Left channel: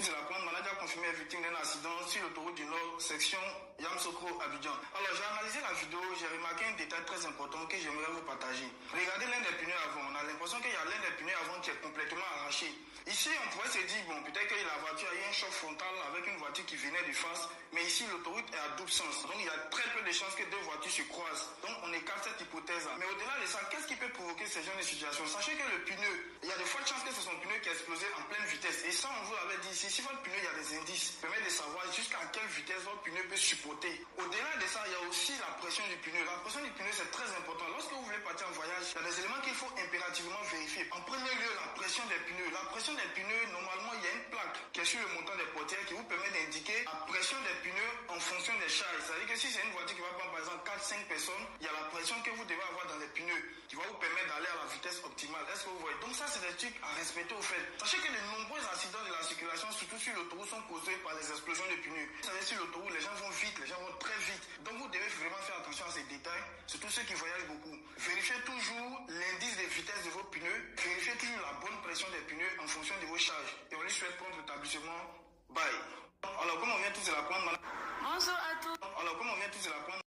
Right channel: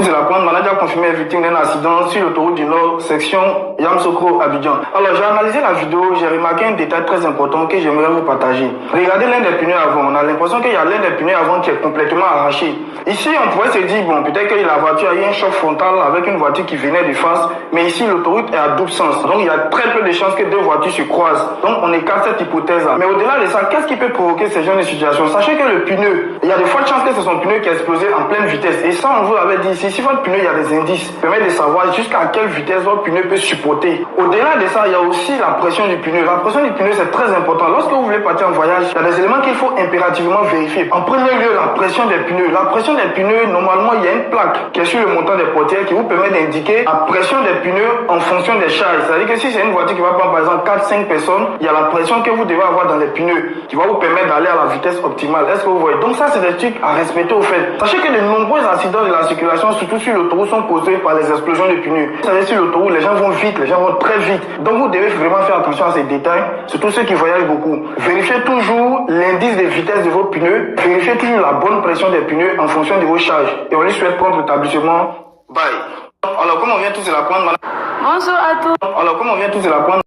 C'est la pointe maladie a confirmé victime d'un accident sur l'autoroute du Nord, section Yamoussoukro-Abidjan. Alors j'ai analysé la vidéo, j'ai remarqué un détail très important que j'aimerais vous partager. Regardez l'un des pneus avant, on a l'impression qu'il y a l'un des pneus avant qui est complètement arraché. Ici on pourrait se dire, bon peut-être que la voiture a eu un choc frontal avec une voiture qui venait de face, mais ici l'autoroute est à double sens. Donc il y a très peu de chances que deux voitures se croisent. Donc on écarte cette hypothèse-là. Mais au-delà de ça, qu'est-ce qui peut provoquer ce genre de situation? Sachez que le pneu, il y a de fortes chances que ce soit un pneu qui a explosé en pleine vitesse. Et ça on vous l'avait dit ici. Si votre pneu, il y a des indices qui permettent de savoir jusqu'à quelle vitesse votre pneu peut supporter. Au-delà de ça, il y a aussi la pression du pneu. La pression du pneu, c'est très important. Lorsque vous voulez partir en voyage, il y a des éléments qu'il faut impérativement vérifier. En premier lieu, la pression des pneus. La pression des pneus, normalement, il y a une plaque qui est sur le montant des portières qui vous permet d'indiquer la pression des pneus en fonction des charges. C'est-à-dire que si c'est une voiture qui va prendre par exemple 4-5 personnes, il y a la pression que vous devez avoir dans les pneus qui va vous permettre d'aller à la vitesse optimale. Est-ce que vous voyez? Donc ça, c'est des trucs à respecter au fait. Sachez que de nombreux accidents de la circulation, surtout sur l'autoroute, sont causés par les explosions de pneus. Vous savez, sur l'autoroute, les gens vont vite, les gens vont très vite. Donc vous devez vraiment faire attention à ces détails, surtout ceux qui voyagent beaucoup. Vérifiez toujours l'indice de vitesse de vos pneus, vérifiez toujours la bonne pression des pneus en fonction de vos charges. Et on lui souhaite prompt rétablissement. Bye. Alors, comme on vient tous de la prendre... Bonjour à tous. Alors, comme on vient tous de la prendre...